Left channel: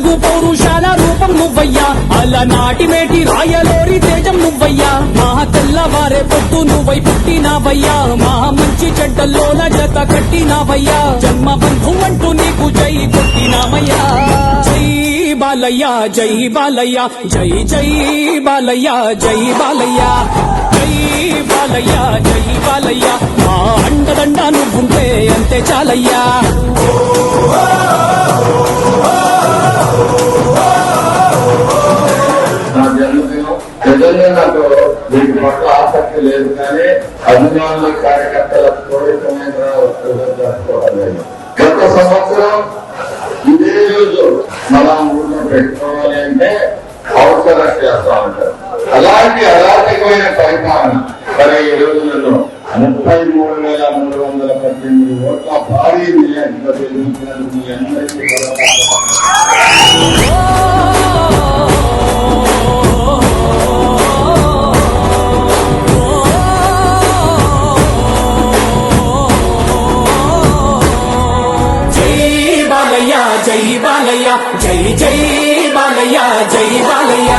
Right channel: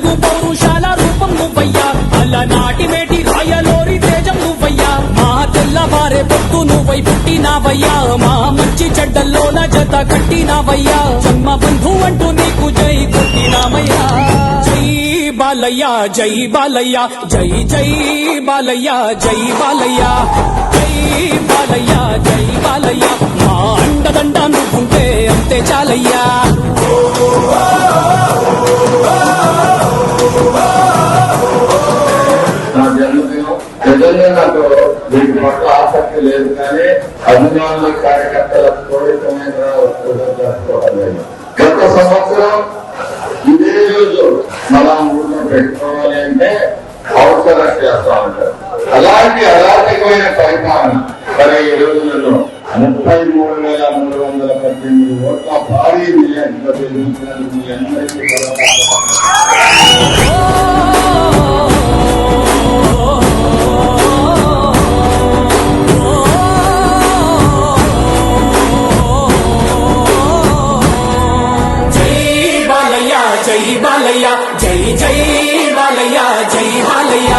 తెలుగు పౌరుషాల రూపం నువ్వయ్యా, అలనాటి మేటి రాయలోరి తేజం నువ్వయ్యా, మా తెల్లవారే పొత్తు నువ్వై పుట్టినావయ్యా, మా మంచి చెడ్డల్లోన జత కట్టినావయ్యా, జన్మ బంధు అంటూ నీకు జై కొట్టినావయ్యా. జై బాలయ్య జై బాలయ్య జై జై బాలయ్య జై బాలయ్య జై బాలయ్య జై బాలయ్య, మా అండదండ నువ్వుంటే అంతే చాలయ్యా. నా జన్మదినం నిజంగా నాకు వీటి పట్ల ఆసక్తి లేదు, కానీ అభిమానుల కార్యకర్తల కోరికమైన జరుపుకోవడం లేదు. గత సంవత్సరం ఇదే రోజు మన ఊళ్ళో పెట్టుకోవాలి అంటే అవసరం చేస్తా ఉంటారు. అలాంటి అరాచకమైన పరిపాలన మరి ఈ రోజులలో 33,318 ఓట్ల భారీ విజయంతో గెలిపించినందుకు మీ అందరికీ జై బాలయ్య జై బాలయ్య జై జై బాలయ్య జై బాలయ్య.